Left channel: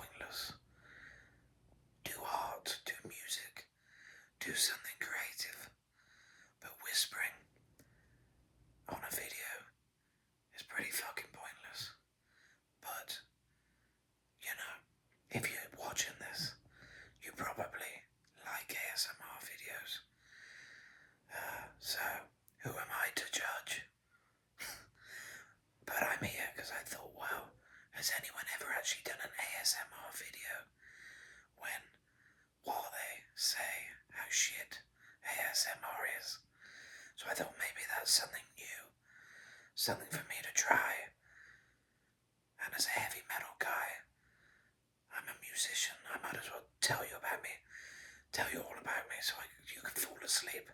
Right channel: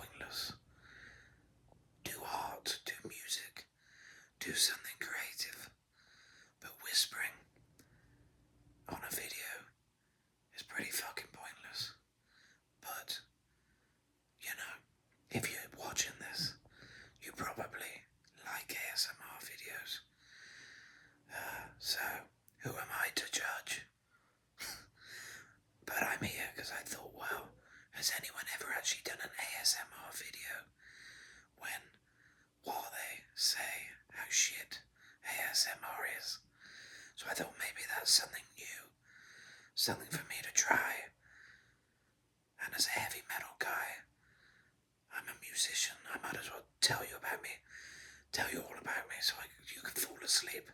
pointless. Do art, do music, do something creative. But whispering on a video is pretty fucking pointless. But, you know, if you're watching this, you probably like ASMR videos. So, who am I to judge? But I'm here because I thought, well, has anyone ever actually done an ASMR video while they say how shit ASMR is? So I thought maybe that's something new, something for me to try. And as a heavy metal guy, I'm a musician, I might as well tell you all about me so you can fall asleep.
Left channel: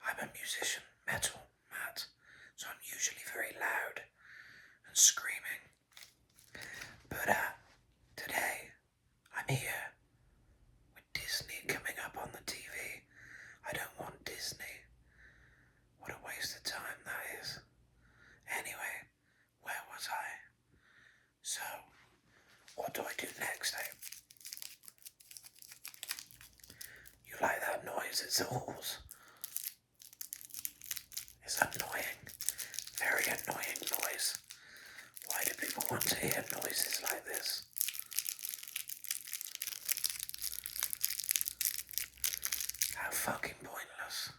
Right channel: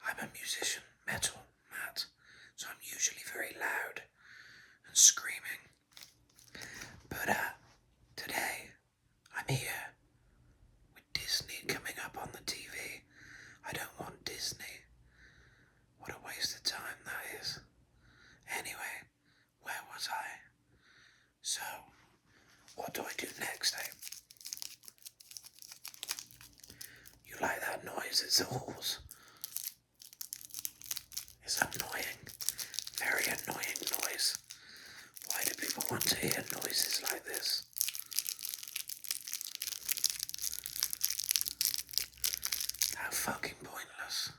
I'm a musician, metal, Matt, so I'm usually very loud and screaming. But today, I'm here with Disney coming up on the TV. I don't want Disney. What a waste of time that is. Anyway, where was I? So, what do I do next, eh? You like that noise? It's a horse. It's annoying. Very annoying noise. Why do people want to hear noises like this? How fucking pointless.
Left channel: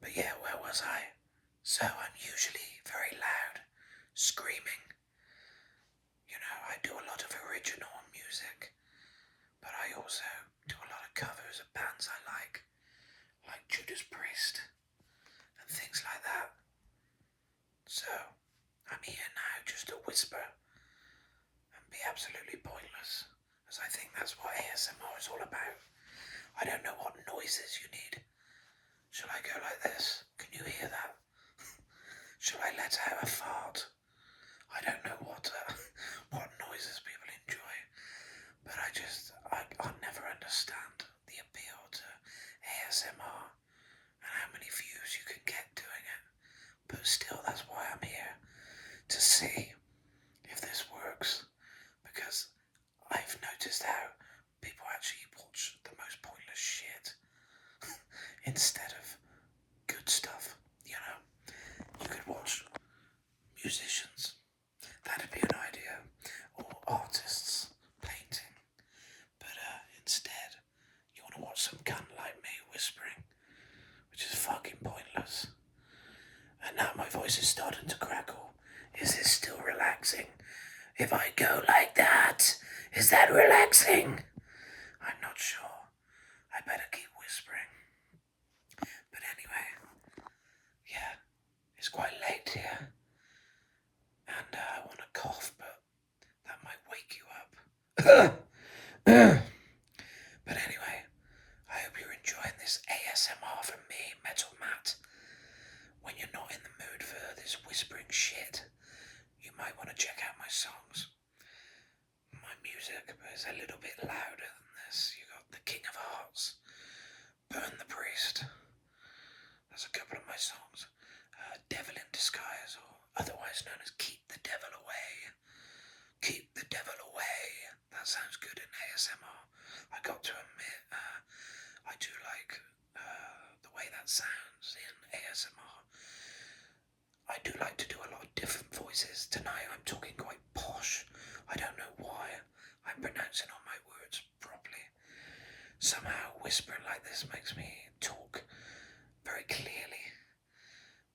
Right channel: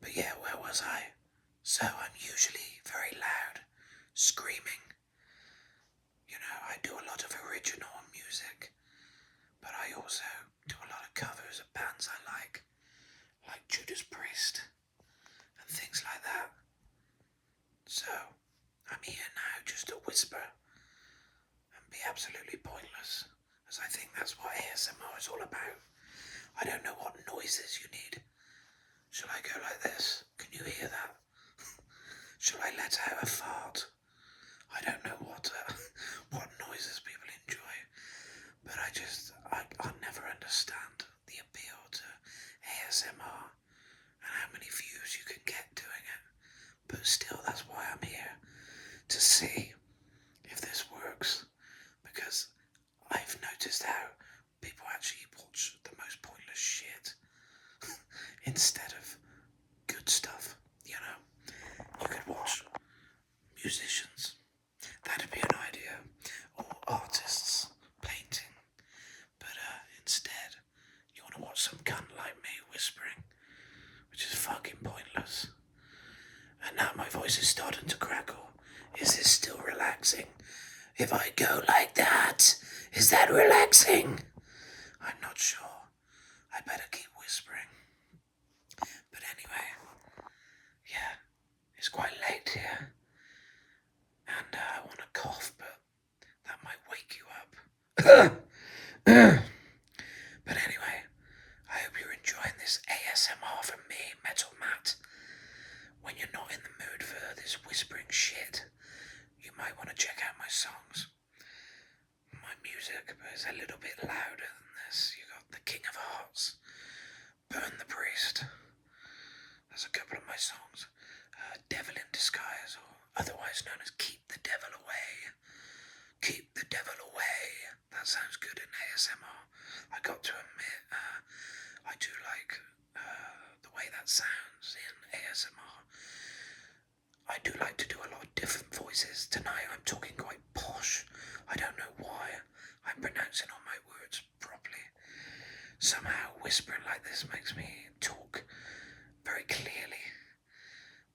But yeah, where was I? So I'm usually very loud, screaming. You know, I do a lot of original music, but I also do a lot of covers of bands I like Judas Priest and things like that. So I'm here now just to whisper and be absolutely pointless, as I think that's what ASMR is all about. I don't know what noises you need. Shall I go like this? Can you hear that? Shall I let out a fart? I don't know what noises people enjoy, but I'll never understand the appeal to ASMR and how many views you can get doing it. But still, that's why I'm here, to see if this works, because I've noticed how people actually watch the most pointless shit instead of good stuff, you know. You could watch musicians, that'd be an idea, or artists painting, but instead you want to watch some cunt like me whispering, which is fucking pointless. And now my voice is starting to crackle. Is this still relaxing? If I go like that, is that relaxing? I'm not sure. I better keep whispering. But anyway, yeah, it's quite late here. And I want to cough, but that might wake you up. But anyway, I hope you're enjoying this ASMR from me, Metal Matt. When you're not in the mood for this whispering shit, you might want to check out my songs. My music is a little bit louder than this. You got The King of Hearts, Burn the Priest. That's a couple of my songs. Devil in Disguise, or otherwise known as Keep the Devil Away. Keep the Devil Away. That sounds good in ASMR. I got to admit, I do like the way that sounds in ASMR. I do like to do a lot of different voices. Tonight I'm talking quite posh. I don't know why. I'm pronouncing all my words properly. Somehow whispering like this makes me talk very clearly.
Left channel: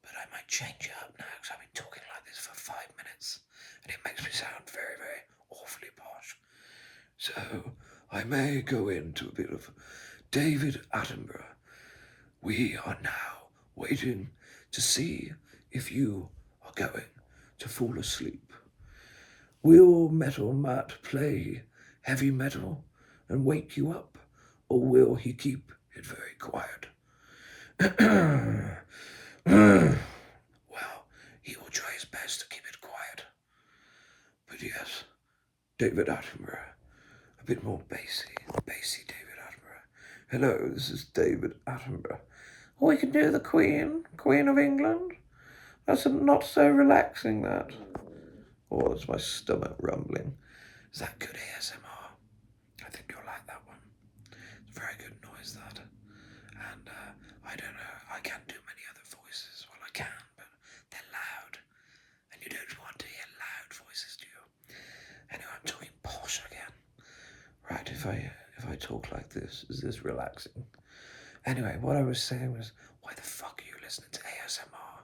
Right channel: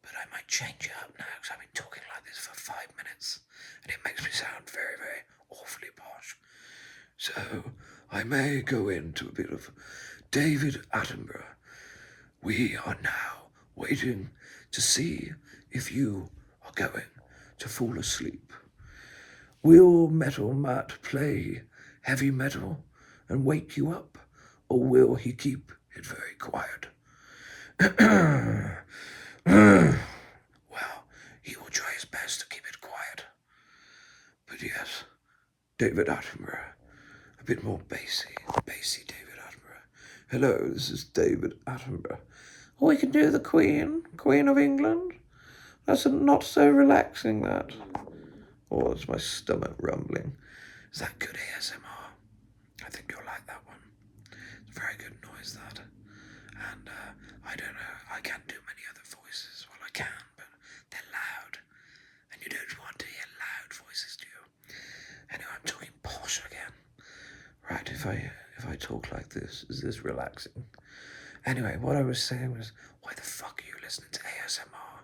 But I might change it up now because I've been talking like this for 5 minutes and it makes me sound very, very awfully posh. So I may go into a bit of David Attenborough. We are now waiting to see if you are going to fall asleep. Will Metal Matt play heavy metal and wake you up, or will he keep it very quiet? Well, he will try his best to keep it quiet. But yes, David Attenborough, a bit more bassy David Attenborough. Hello, this is David Attenborough. Oh, we can do the Queen of England. That's not so relaxing, that. Oh, it's my stomach rumbling. Is that good ASMR? I think you'll like that one. It's a very good noise, that. And I don't know, I can't do many other voices. Well, I can, but they're loud. And you don't want to hear loud voices, do you? Anyway, I'm talking posh again. Right, if I talk like this, is this relaxing? Anyway, what I was saying was, why the fuck are you listening to ASMR?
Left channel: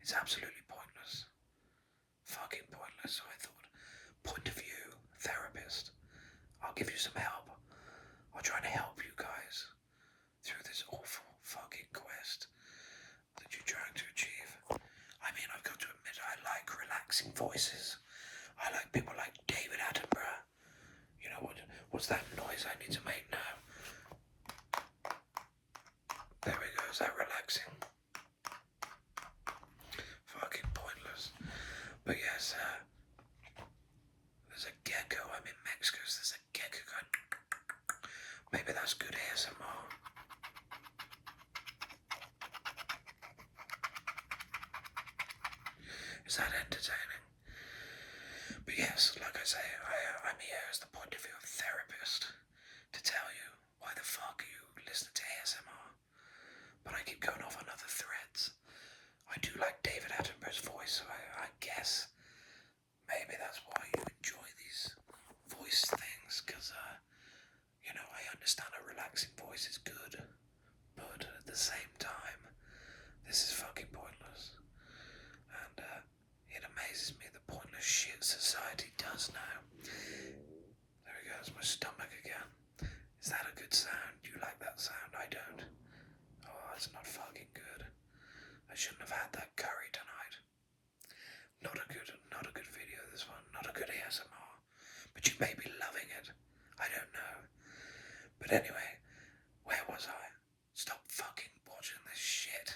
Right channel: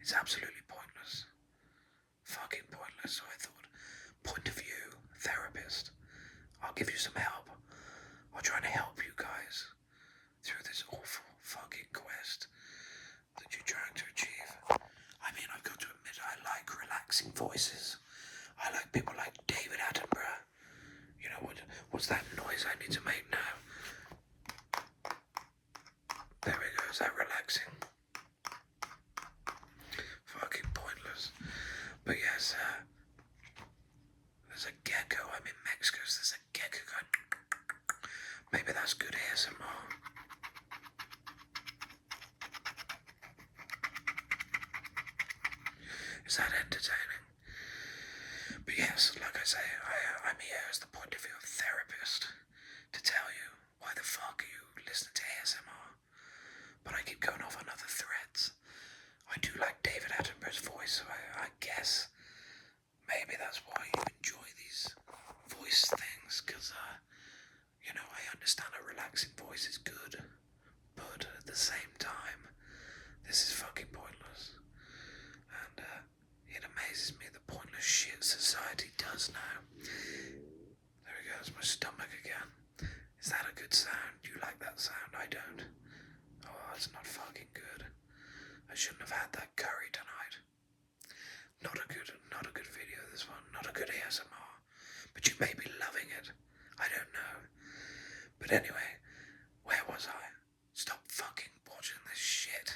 It's absolutely pointless. Fucking pointless. So I thought, point of view, therapist. I'll give you some help. I'll try to help you guys through this awful fucking quest that you're trying to achieve. I mean, I've got to admit, I like relaxing voices. I like people like David Attenborough. You know what's that noise I need to make now? There we go, is that relaxing? Fucking pointless. But yes, there's a gecko. I'm in Mexico, so there's a gecko going. Maybe that's good ASMR. Is that entertaining? But yes, like I say, I'm here as the point of view of therapist to tell you why the fuck are you listening to ASMR. But I keep going off on other threads. I do like David Attenborough's voice, so I guess maybe that's why you enjoy these voice things, because, I understand a relaxing voice is good, but at the same time, this is fucking pointless. And it amazes me the pointless shit society does now. There we go, it's my stomach again. Is that a good sound? Do you like that sound? I don't. Oh, it's not fucking good. I shouldn't have had that curry tonight. Not a good video, this one. Not a good ASMR. But you may be loving it. I don't know. But anyway, where was I? Stop fucking watching this shit.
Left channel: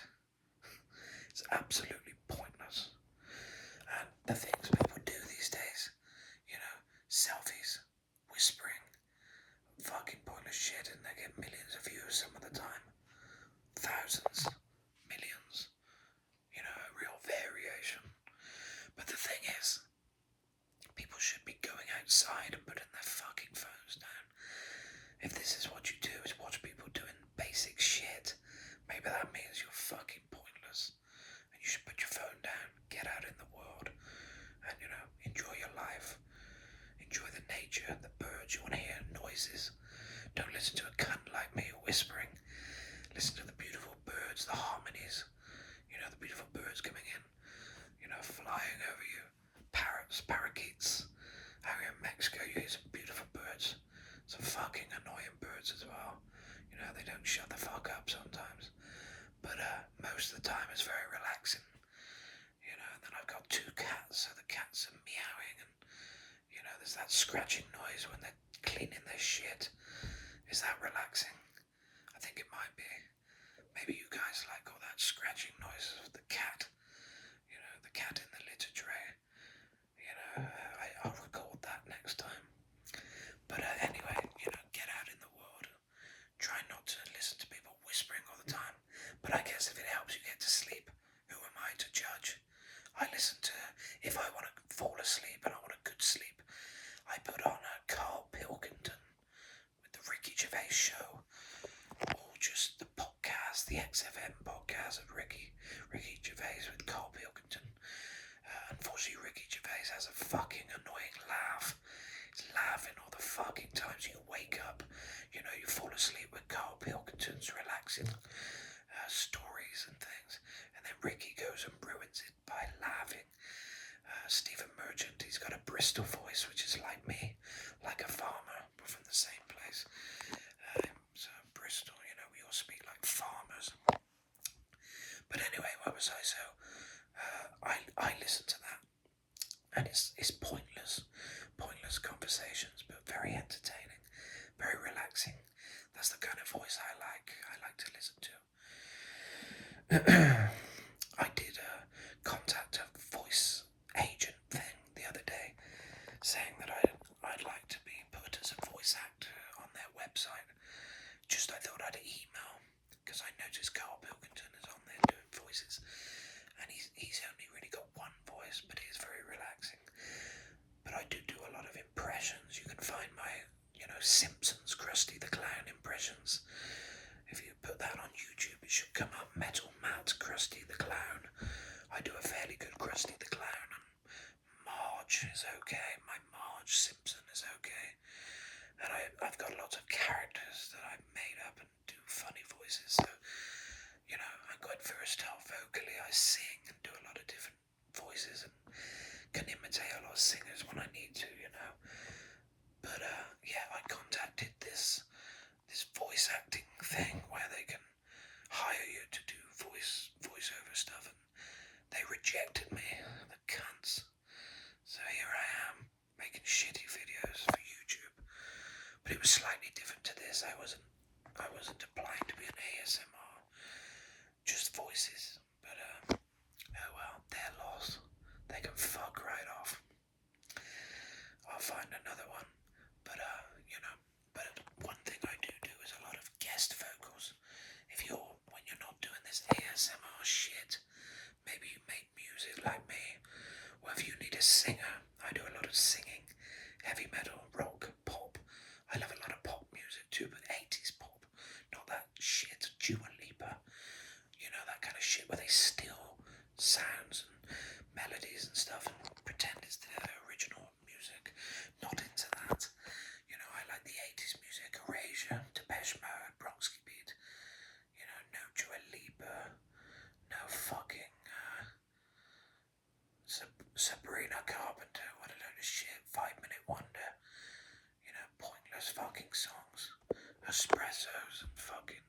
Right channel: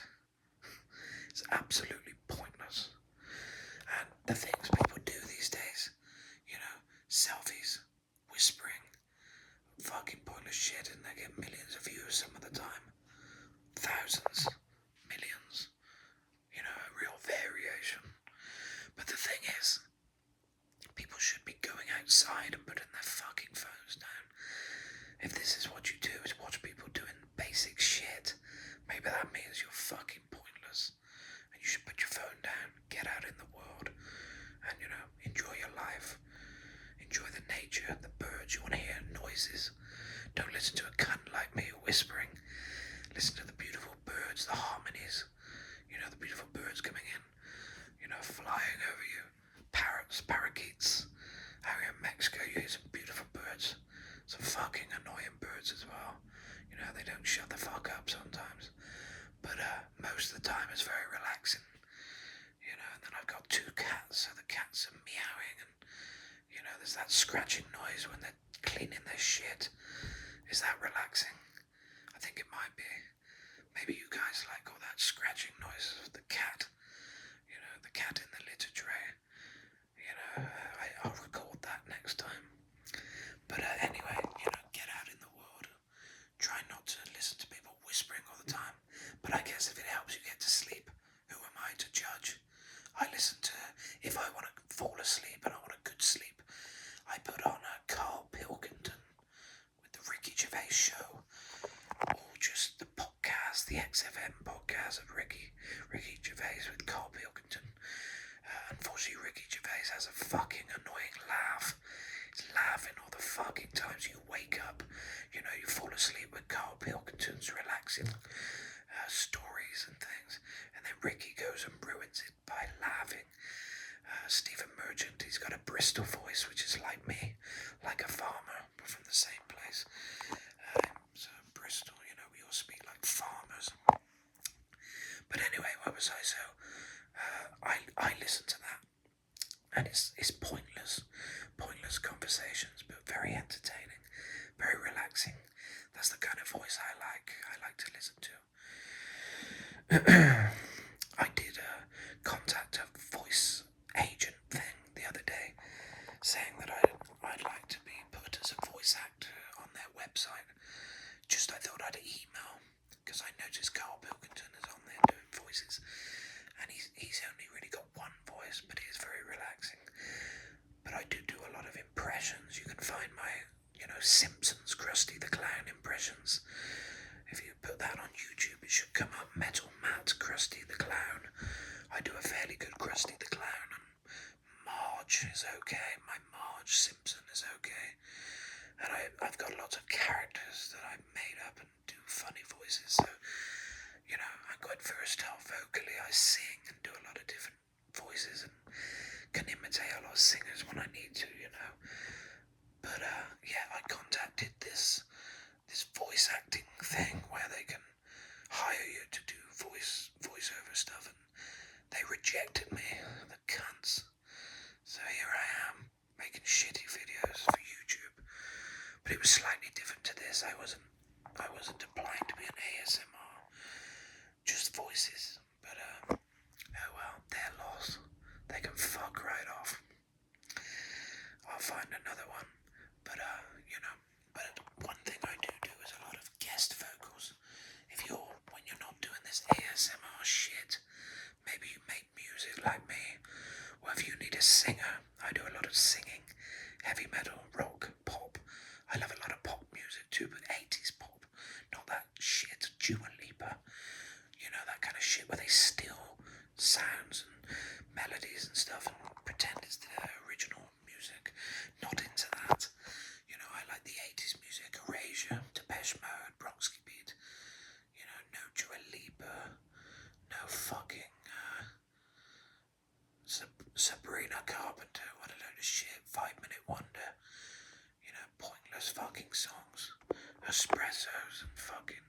It's absolutely pointless. And the things people do these days, selfies, whispering, fucking pointless shit, and they get millions of views some of the time. Thousands, millions, a real variation. But the thing is, people should be going outside and putting their fucking phones down. If this is what you do, is watch people doing basic shit, maybe that means you're fucking pointless. And you should put your phone down, get out in the world, and, enjoy your life. Enjoy the nature, the birds. You want to hear noises. Don't listen to a cunt like me whispering. Listen to the beautiful birds, the harmonies. The beautiful birds coming in, flying over you. Parrots, parakeets. Out here in Mexico, you hear some beautiful birds. Some fucking annoying birds as well. They don't shut the fuck up sometimes. But most of the time it's very relaxing. And then I've got 2 cats, so the cats are meowing, and, there's that scratching noise when they're cleaning their shit. Is that relaxing? I think it might be. Maybe you guys like all that scratching noise of the cat. The cat in the litter tray. I'll record that next time. But anyway, get out in the world. Try not to listen to people whispering all the time. But I guess if it helps you get to sleep, who am I to judge? I listen to, if I want to fall asleep and I want a good sleep, I put on a Carl Pilkington with the Ricky Gervais show, or just the podcast, the XFM podcast of Ricky Gervais with Carl Pilkington. Unfortunately, Ricky Gervais has a fucking annoying laugh. He's laughing all the fucking times you wake up. You fall asleep with Carl Pilkington's relaxing stories and things, and then Ricky goes and ruins it by laughing. Stephen Merchant, he's got a Bristol voice, which is like me, like a farmer, but from the same place. So Bristol, we all speak like farmers. But anyway, what was I? So I listen to that, and it's pointless conversations, but very entertaining, very relaxing. That's the kind of voice I like to listen to. I did contact a voice agent thing the other day, saying that I'd like to be put as a voice actor on their website. Just I thought I'd email, because I noticed Carl Pilkington is on there doing voices, and he's only really got one voice, but it is very relaxing. But I do a lot of impressions Simpsons Krusty the Clown impressions. If you put that on YouTube, it should come up. Metal Matt Krusty the Clown. I do a fairly good Krusty the Clown, and Marge is okay. My Marge Simpson is okay. And I've got lots of characters that I've made up and do funny voices. So, I'm quite versatile vocally. I sing and do a lot of different voices and can imitate a lot of singers when I need to. But I contacted this voice acting thing where they can hire you to do voiceover stuff, and they rejected me, the cunts. So here I am making shitty videos for YouTube, but it was slightly different to this. I wasn't applying to be an ASMR, just voices. But oh well, their loss. They can fuck right off. I'll find another one. But but one thing I do is a lot of guest vocals. When you're not doing this ASMR shit, maybe you make music like me, or if you need a singer, I do a lot of singing, heavy metal, rock, pop. I love a lot of pop music too, but 80s pop, not that shit, Dua Lipa, that kind of shit where they steal sounds and melodies and stuff and pretend it's the original music. Not into that. I like the 80s music, Erasure, Depeche Mode, Bronski Beat, no Dua Lipa, no fucking Sabrina Carpenter, what a load of shit, 5 Minute Wonder, pointless fucking songs, espressos and fucking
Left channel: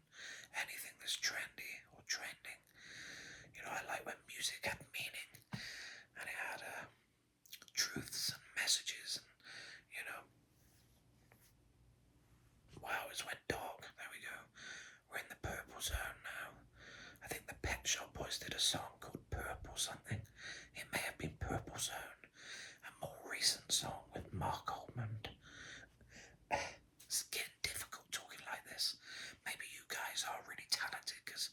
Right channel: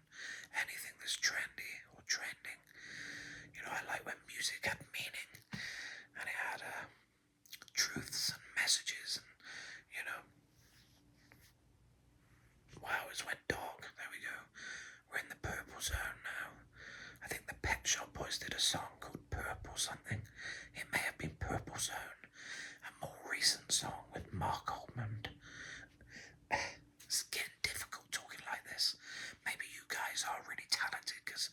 anything that's trendy or trending. I like when music had meaning and it had truths and messages and, wow, it's went dark. There we go. We're in the purple zone now. I think the Pet Shop Boys did a song called Purple something. It may have been Purple Zone. A more recent song with Mark Almond. It's getting difficult talking like this. Maybe you guys are really talented because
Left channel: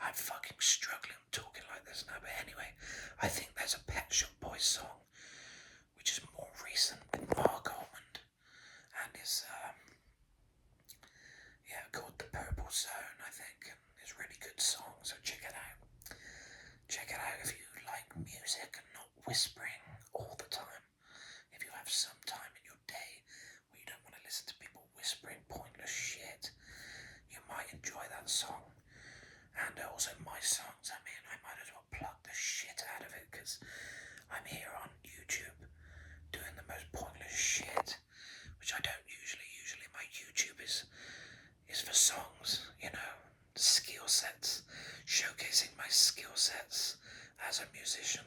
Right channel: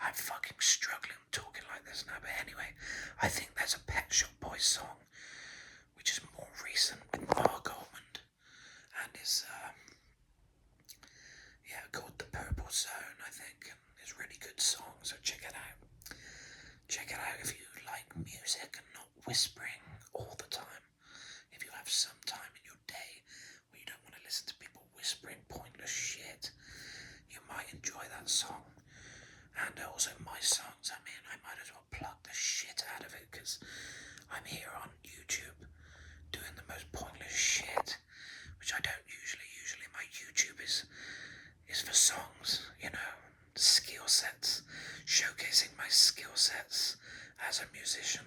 I'm fucking struggling talking like this now. But anyway, I think there's a Pet Shop Boys song which is more recent with Mark Almond and is called The Purple Zone, I think, and it's a really good song, so check it out. Check it out if you like music and not whispering all the time. If you have some time in your day where you don't want to listen to people whispering pointless shit, you might enjoy that song. And also my songs, I might as well plug the shit out of it, because I'm here on YouTube doing the most pointless shit, which I don't usually my YouTube is for songs, skill sets, showcasing my skill sets as a musician,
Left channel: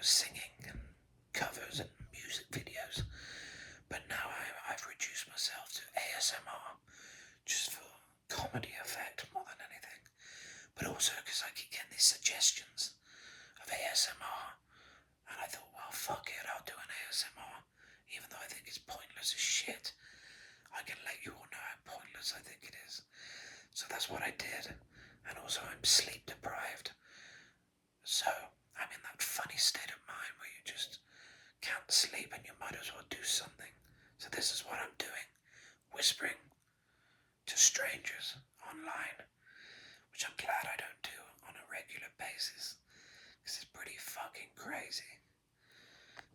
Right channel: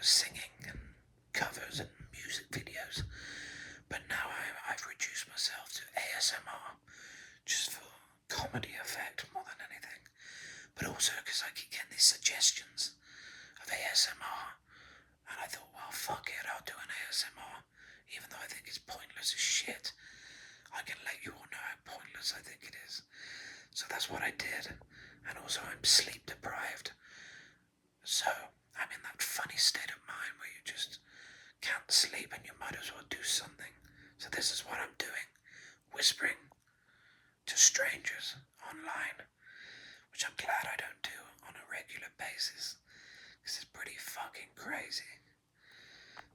singing and covers and music videos. But now I've reduced myself to ASMR, just for comedy effect more than anything, but also because I keep getting these suggestions of ASMR, and I thought, well, fuck it, I'll do an ASMR, even though I think it's pointless as shit. I can let you all know how pointless I think it is. So that's what I did. And also I'm sleep deprived. So I'm in that funny state of mind where you just can't sleep and you might as well do something. So this is what I'm doing. Whispering to strangers online, which I'm glad I don't do on a regular basis, because it's pretty fucking crazy.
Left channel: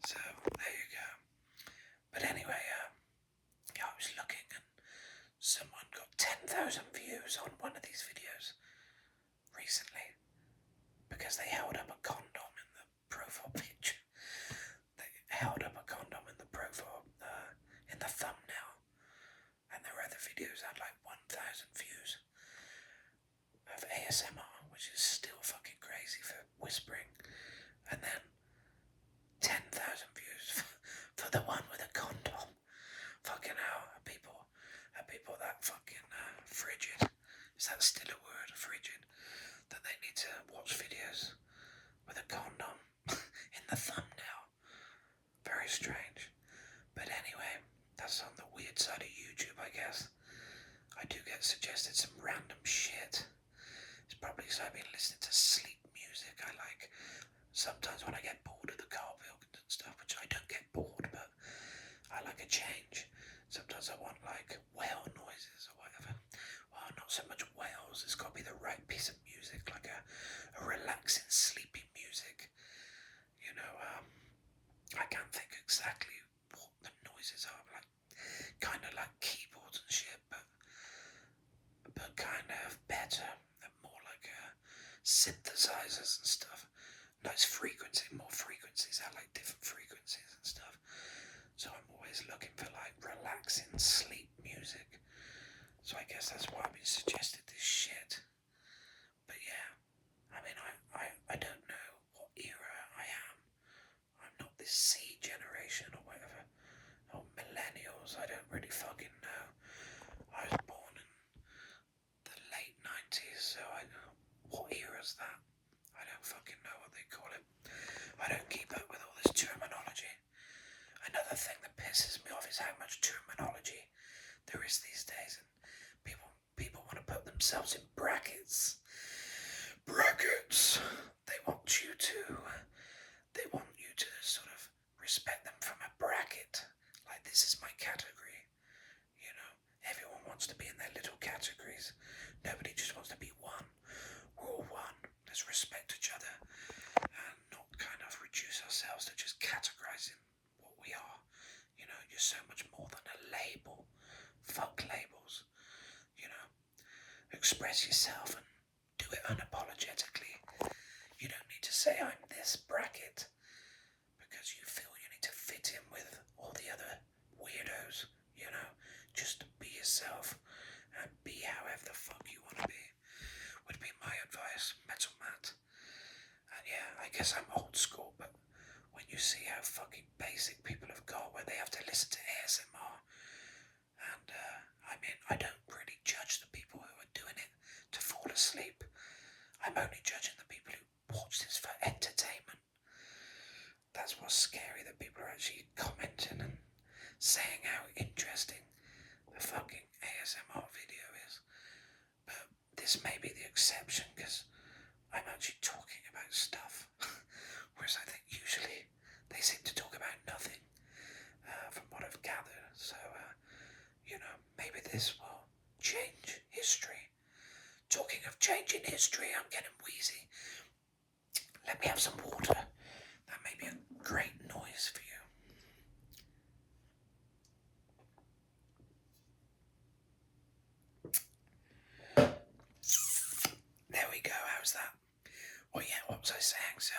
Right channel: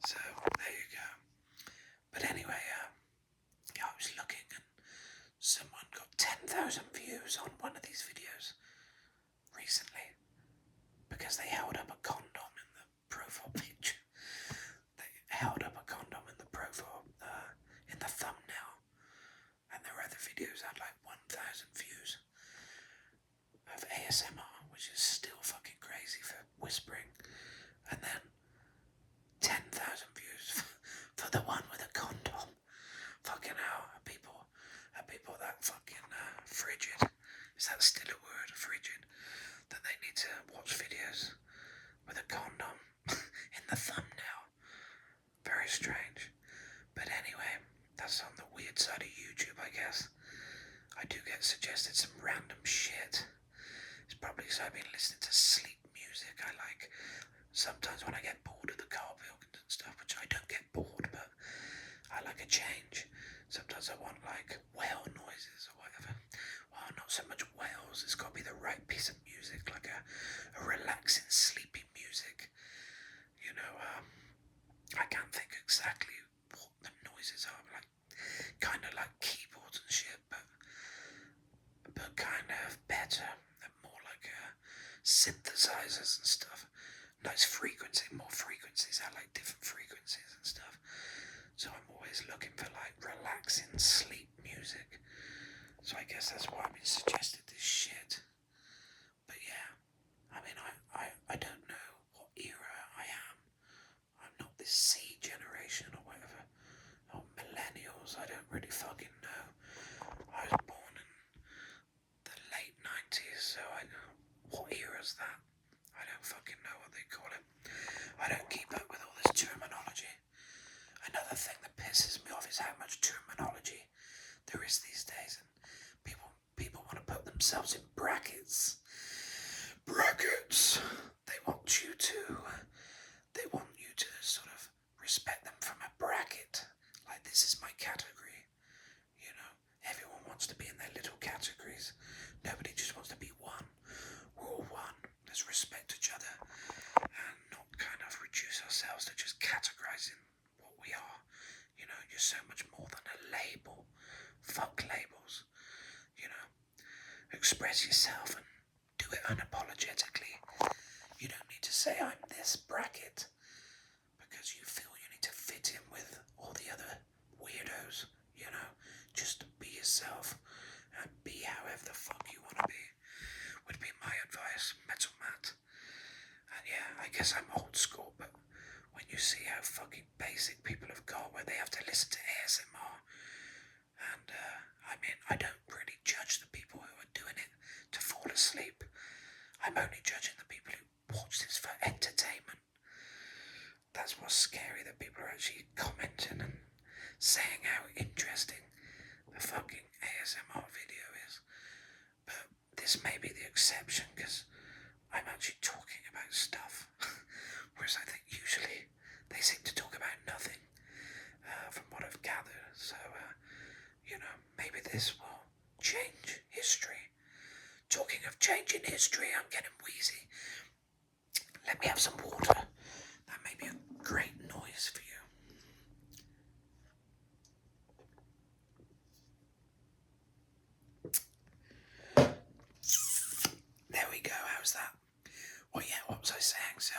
So there you go. But anyway, I was looking and someone got 10,000 views on one of these videos recently because they held up a condom in the profile picture. They held up a condom in the profile, in the thumbnail, and their other videos had like 1,000 views of ASMR, which is still fucking crazy for whispering, and then 10,000 views for the one with a condom. Fucking hell, are people that fucking frigid? Is that still a word, frigid? That they need to watch videos with a condom in the thumbnail. Very strange. But anyway, that's on the weird side of YouTube, I guess. I do get suggested some random shit. It's probably because I've been listening to sleep music. I like, sometimes when I get bored of the carpet and stuff, which I don't get bored, but I like a change. Sometimes I want like whale noises or whatever. Well, not so much whales. It's got to be the right piece of music, like a relaxing, sleepy music. You know, I can't think exactly what the noises are, like kind of like keyboards and shit, but kind of better and more like synthesizers and stuff. Nice frequency, more frequencies. I like different frequencies and stuff. So I'm always looking for like relaxing sleep music. So I guess that's why I've been suggested this shit. But yeah, I mean, I don't know what era I am. I'm not this C generation or whatever. Or millennials, I don't really fucking know. I was born in the late 90s, so I know. What era's that? I don't fucking know what they call it. I don't keep up with all this terminology. Another thing that pisses me off is how much terminology there is these days, and people want to put themselves in brackets. Brackets. They want you to sort of respect them from a bracket. Like, this is my category. You know, everyone wants to be in their little categories. Nobody just wants to be one. We're all one. Let's respect each other and not kind of reduce ourselves to just categorizing what we are. You know, you're so much more than a label. Fuck labels. You know, express yourself and do it unapologetically. You don't need to say I'm this bracket because you feel you need to fit in with all the other weirdos. You know, just be yourself and be however the fuck you want to be. Would be my advice, Metal Matt. And yeah, I guess I'm old school, but when you see how fucking basic people have got, where they have to listen to ASMR, and I mean, I don't really judge the people who are doing it to fall asleep. I'm only judging the people who watch this for entertainment. That's what's scary, that people are actually commenting and saying how interesting the fucking ASMR video is. But this may be the exception, because I'm actually talking about stuff, whereas I think usually they seem to talk about nothing, from what I've gathered. So, you know, maybe this will change history. Talking of changing history, I'm getting wheezy. Let me have some water. That may be a great noise for you. There we go, how's that? Well, yeah, what was I saying? So,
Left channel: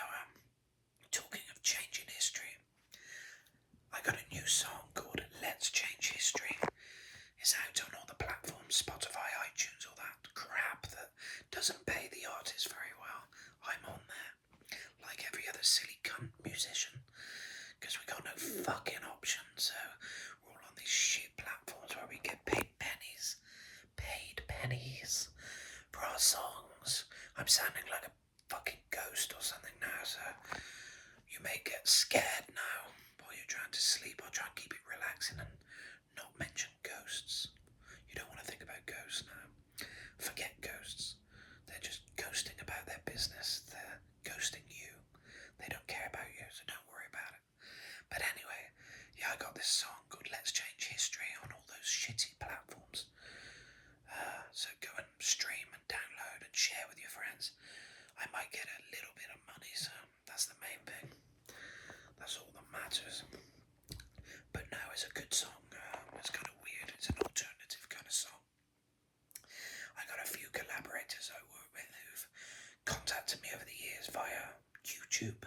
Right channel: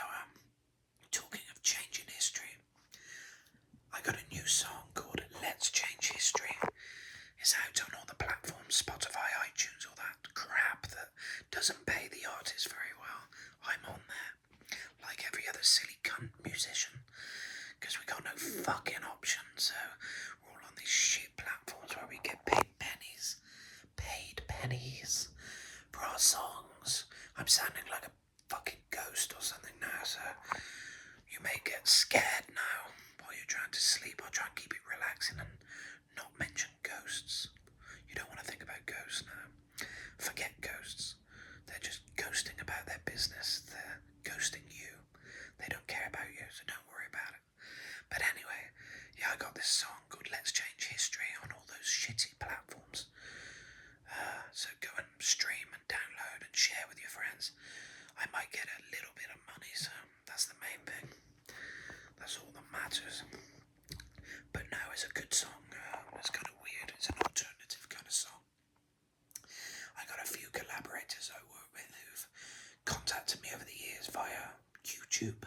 talking of changing history, I got a new song called Let's Change History. It's out on all the platforms, Spotify, iTunes, all that crap that doesn't pay the artist very well. I'm on there, like every other silly cunt musician, because we got no fucking options, so we're all on these shit platforms where we get paid pennies for our songs. I'm sounding like a fucking ghost or something now, so you may get scared now while you're trying to sleep. I'll try and keep it relaxing and not mention ghosts. You don't want to think about ghosts now. Forget ghosts. They're just ghosting about their business. They're ghosting you. They don't care about you, so don't worry about it. But anyway, yeah, I got this song called Let's Change History on all those shitty platforms. So go and stream and download and share with your friends. I might get a little bit of money, so that's the main thing. That's all that matters. But no, it's a good song. It's kind of weird. It's an alternative kind of song. I got a few collaborators I work with who've contacted me over the years via YouTube,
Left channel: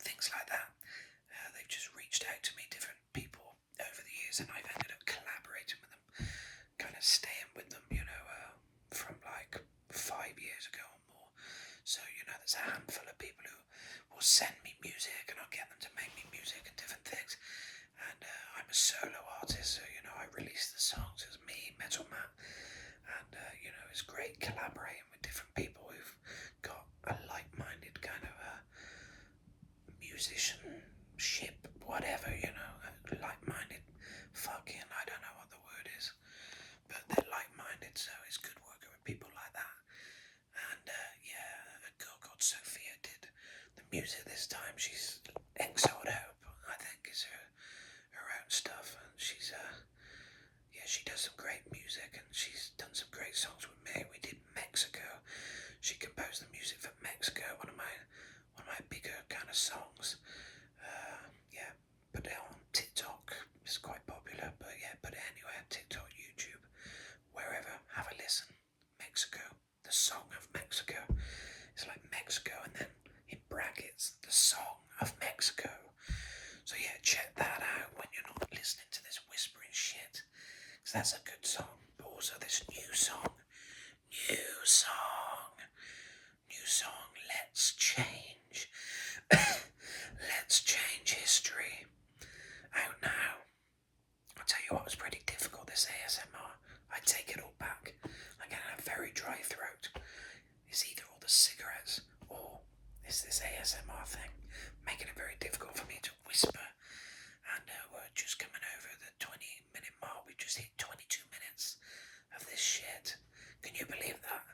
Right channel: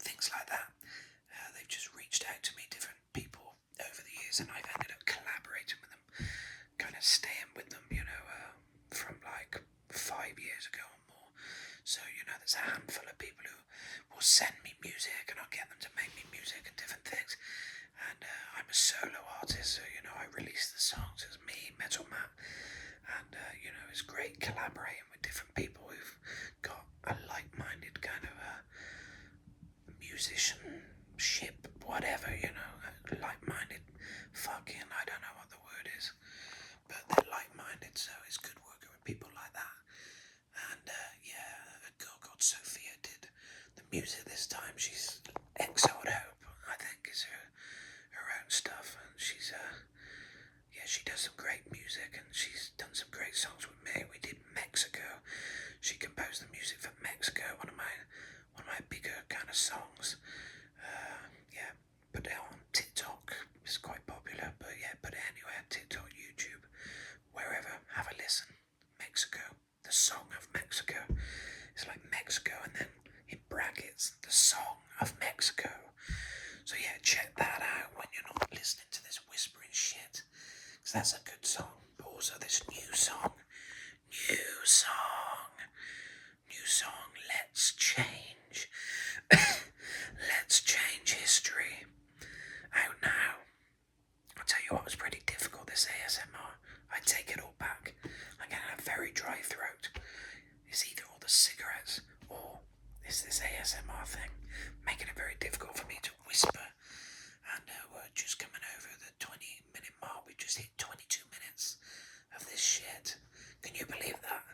things like that. They've just reached out to me, different people over the years, and I've ended up collaborating with them, kind of staying with them, you know, from like 5 years ago or more. So, you know, there's a handful of people who will send me music and I'll get them to make me music and different things. And I'm a solo artist, so, you know, I release the songs as me, Metal Matt. And, you know, it's great collaborating with different people who've got a like-minded kind of musicianship, whatever, you know, like-minded fucking, I don't know what the word is, but they're like-minded, so it's good working with people like that. And, yeah, a girl called Sophia did the music this time. She's Exiled Hope, I think, is her own stuff, and she's she does some great music, and she's done some great songs with me. We did Mexico. She composed the music for Mexico, one of my bigger kind of songs. Yeah, put it on TikTok. It's quite popular, but yeah, put it anywhere. TikTok, YouTube, wherever. Have a listen. Mexico, the song of Mexico. It's like Mexico, and then in brackets, the song of Mexico. So yeah, check that out when you're not listening to this whispering shit, because that's a good song. But also this new song, Let's Change. Let's Change History. Out now. I'll tell you what was pretty difficult, this ASMR. I take it all back. I get a very dry throat. It's either all the cigarettes or it's this ASMR thing, making it very difficult for me to whisper. And we're just coming over the 20-minute mark. We've just hit 22 minutes of this shit. Can you believe that?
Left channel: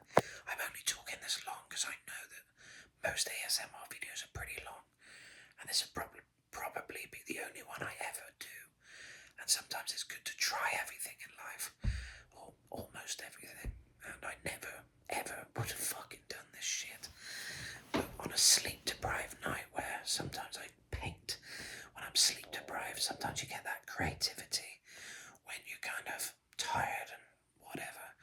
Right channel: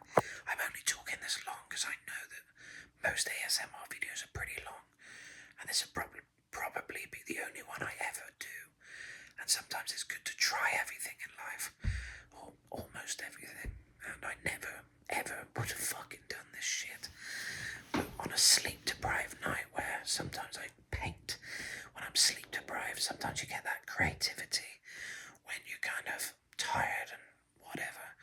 I'm only talking this long because I know that most ASMR videos are pretty long, and this will probably be the only one I ever do. And sometimes it's good to try everything in life, or almost everything. And I never, ever would have fucking done this shit. But on a sleep-deprived night where sometimes I paint, when I'm sleep-deprived, sometimes you get that creativity when you're kind of tired and whatever.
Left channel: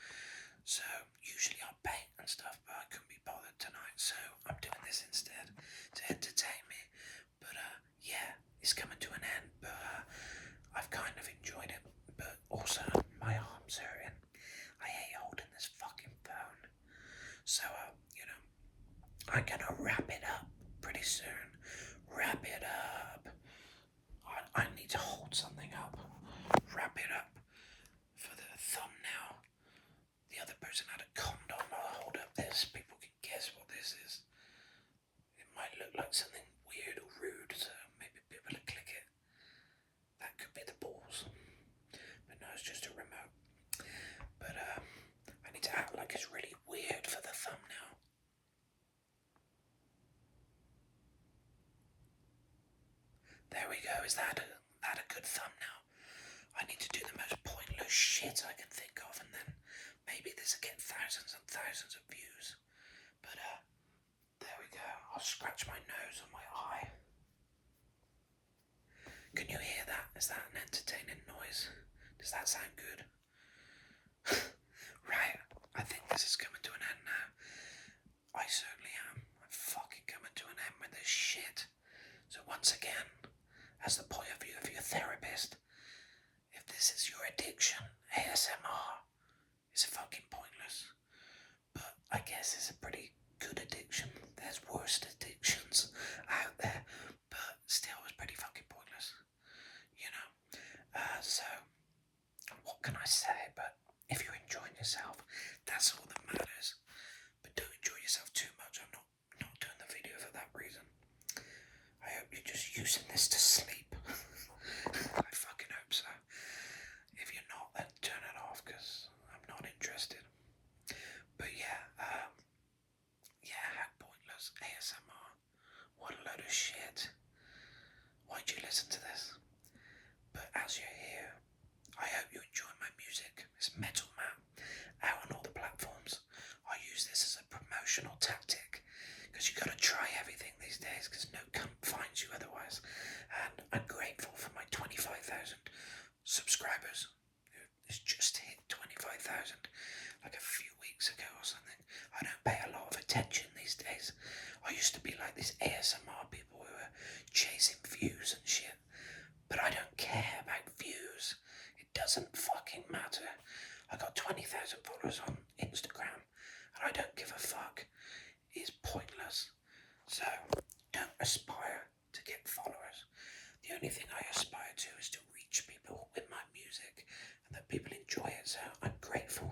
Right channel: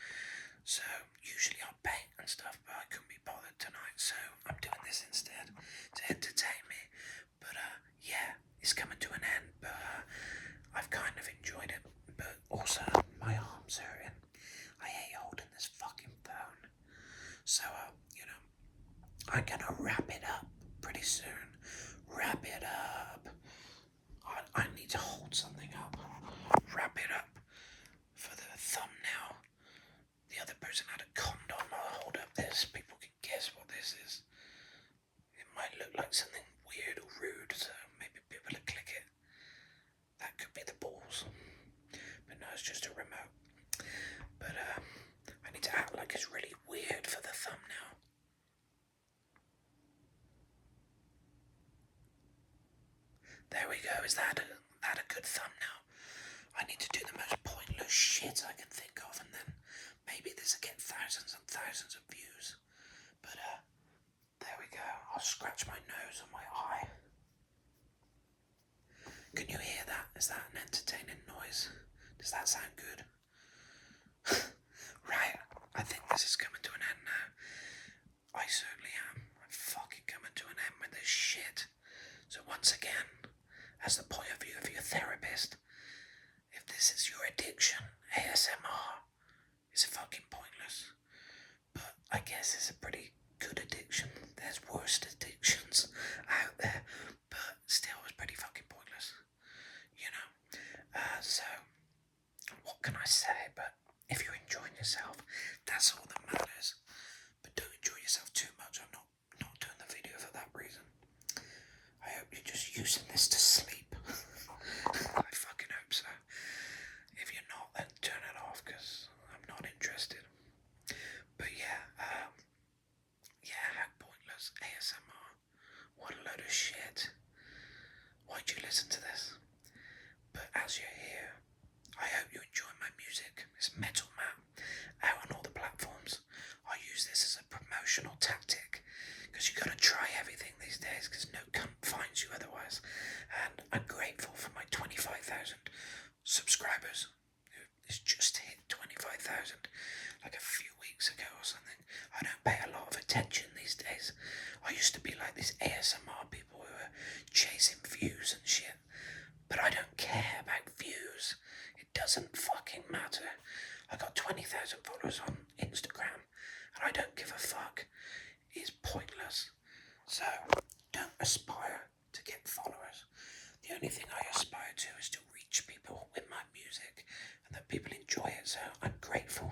So usually I'll paint and stuff, but I couldn't be bothered tonight, so I'm doing this instead to entertain me. But yeah, it's coming to an end, but I've kind of enjoyed it. But also, my arms hurting. I hate holding this fucking phone. So, I'm gonna wrap it up pretty soon. Wrap it up. I need to hold something up. Wrap it up for the thumbnail. The other person had a condom. I'll hold up this. People can guess what this is. It might look like something weird or rude, so maybe people will click it. That could be the balls. But no, it's just a remote. But I need to act like it's really weird for the thumbnail. There we go. Is that a good thumbnail? I need to do the most pointless shit I can think of, and then maybe this will get thousands and thousands of views. But there we go. I'll scratch my nose on my eye. Can you hear that? Is that an entertaining noise? Does that sound good? Right, I think this is coming to an end now. I certainly am. I'm fucking coming to an end with this shit. So once again, as the point of view of your therapist, if this is your addiction, ASMR is fucking pointless. But I guess it's a pretty good addiction. There's worse addictions out there, but still it's pretty fucking pointless. So what can I say? But if you're enjoying yourself, that's all that matters. But don't enjoy yourself too much. I'm not doing the video for that reason. I hope you're just using this to sleep. I fucking hope so. If you're not, then turn it off, because I'm not interested. But yeah, how pointless. ASMR. What a load of shit. Why'd you listen to this? But as you're here, I hope you enjoy my music. It's Metal Man, out on all the platforms. I use this as a promotional tactic, because you gotta try everything these days, because no cunt finds you otherwise. And I'm grateful for my 25,000 subscribers. It's just hit 25,000 like a few weeks ago or something. I don't pay a lot of attention these days. I used to be like these ASMR people who are chasing views and shit. But I don't care about views. It doesn't fucking matter. I got 20,000 followers on Instagram, and I don't give a fuck. It's pointless. So, don't aspire to get followers. The only thing I aspire to is to reach people with my music, and that people enjoy it, so I'm grateful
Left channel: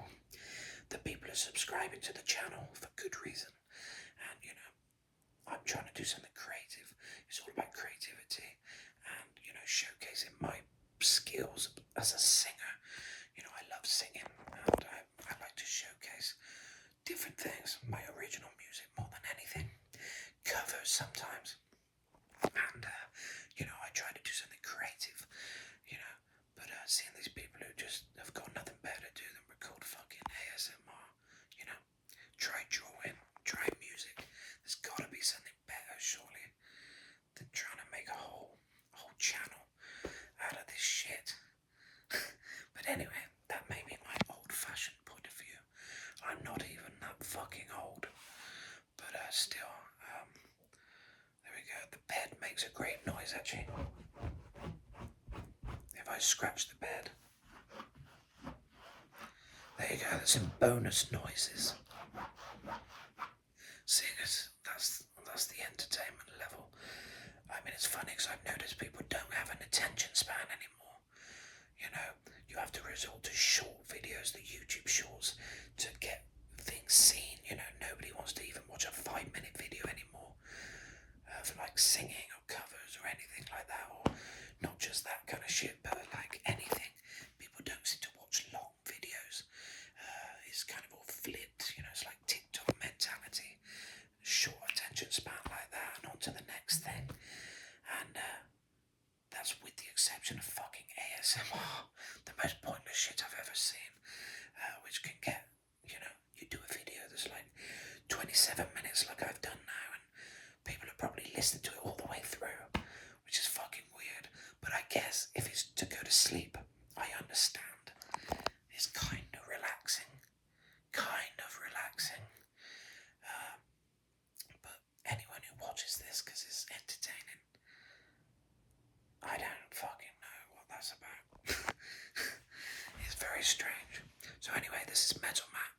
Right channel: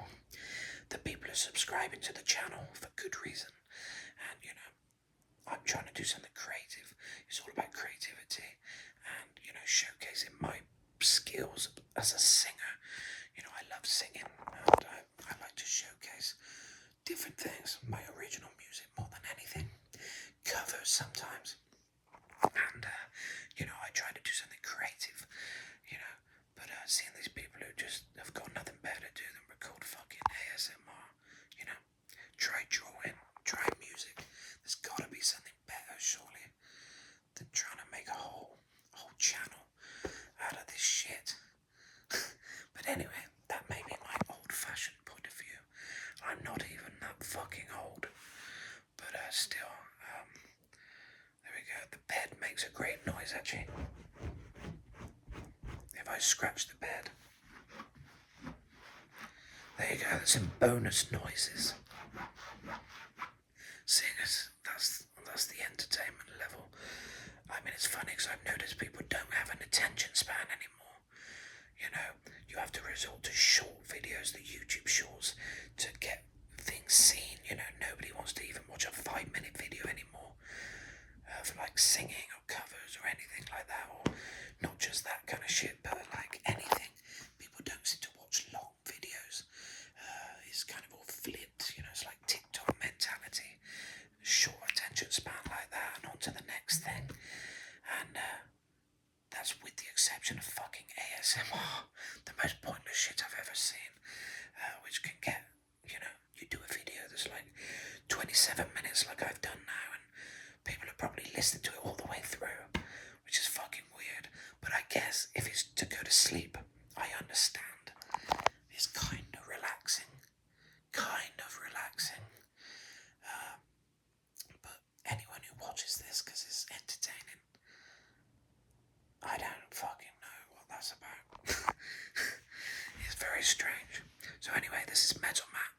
that people are subscribing to the channel for good reason. And, I'm trying to do something creative. It's all about creativity and, showcasing my skills as a singer. I love singing, and I like to showcase different things, my original music more than anything, covers sometimes, and I try to do something creative, but seeing these people who just have got scratch the bed. There you go, that's some bonus noises. Seeing as that's the entertainment level. I mean, it's funny because I've noticed people don't have an attention span anymore. You know, you have to resort to short videos, the YouTube shorts, to get things seen. You know, nobody wants to even watch a 5-minute video anymore of like singing or covers or anything like that, or not just that kind of shit, but like anything. People don't seem to watch long videos. It's kind of all flipped, you know, it's like TikTok mentality. Short attention span like that, and on to the next thing. And that's with the exception of fucking ASMR, the most pointless shit I've ever seen, which can get, you know, you do a video that's like 27 minutes like I've done now, and people have probably listened to it all the way through, which is fucking weird. But I guess if it's to go to sleep, I understand. It's kind of relaxing. But anyone who watches this because it's entertaining, I don't fucking know what that's about. It's very strange. So anyway, this is Metal Matt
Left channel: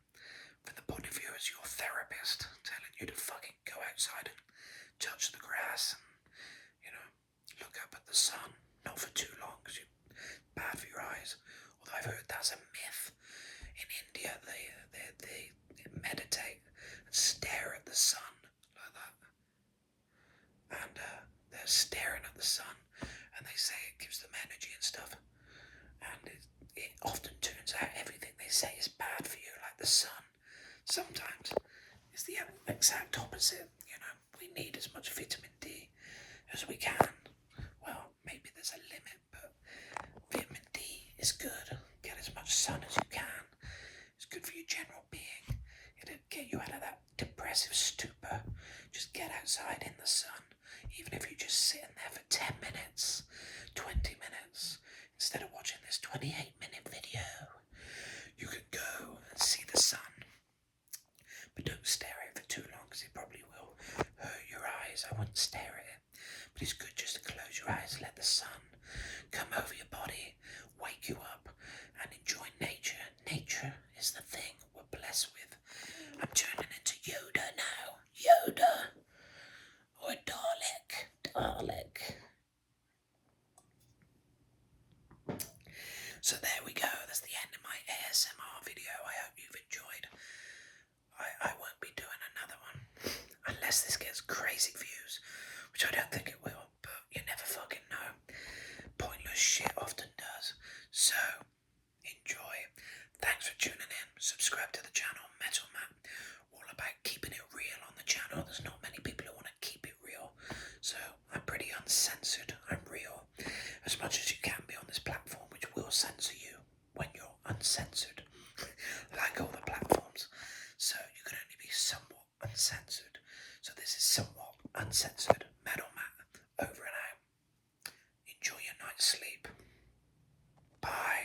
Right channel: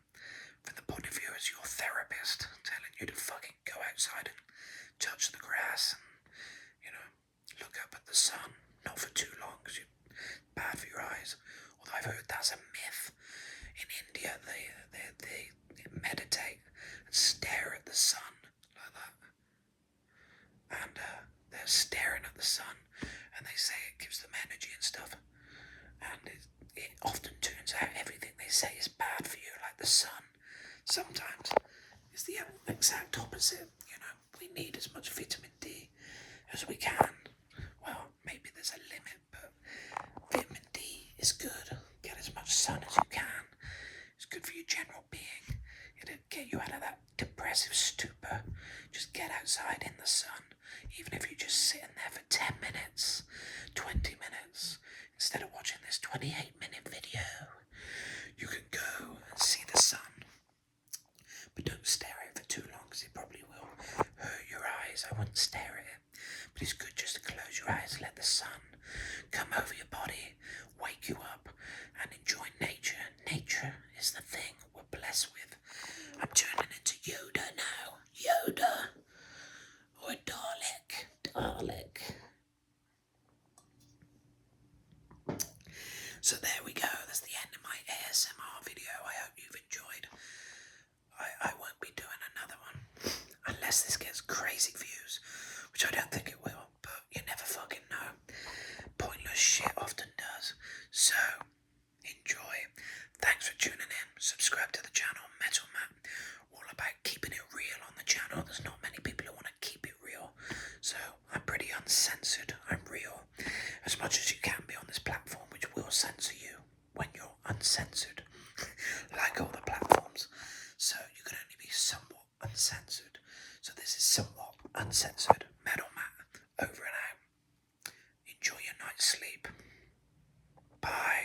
from the point of view as your therapist, telling you to fucking go outside and touch the grass and, you know, look up at the sun. Not for too long because you're bad for your eyes. Although I've heard that's a myth. In India, they meditate and stare at the sun like that. And they're staring at the sun, and they say it gives them energy and stuff. And it often turns out everything they say is bad for you, like the sun. Sometimes it's the exact opposite. You know, we need as much vitamin D as we can. Well, maybe there's a limit, but vitamin D is good. Get as much sun as you can. It's good for your general being. It'll get you out of that depressive stupor. Just get outside in the sun. Even if you're just sitting there for 10 minutes, 20 minutes, instead of watching this 28-minute video, you can go and see the sun. But don't stare at it for too long because it probably will hurt your eyes. I wouldn't stare at it. But it's good just to close your eyes, let the sun come over your body, wake you up, and enjoy nature. Nature is the thing we're blessed with. I'm turning into Yoda now. Yoda. Or Dalek. So there we go. That's the end of my ASMR video. I hope you've enjoyed. I won't be doing another one unless this gets crazy views, which I don't think it will, but you never fucking know. Pointless shit often does. So, enjoy. Thanks for tuning in. Subscribe to the channel, Metal Matt. All about keeping it real on the channel. There's not many people who want to keep it real. So, I'm pretty uncensored. I'm real. As much as you can be on this platform, which will censor you when you're uncensored. Like all the platforms. So, you can only be somewhat uncensored. So, this is somewhat uncensored. Metal Matt. Over and out. Enjoy your night's sleep. Bye.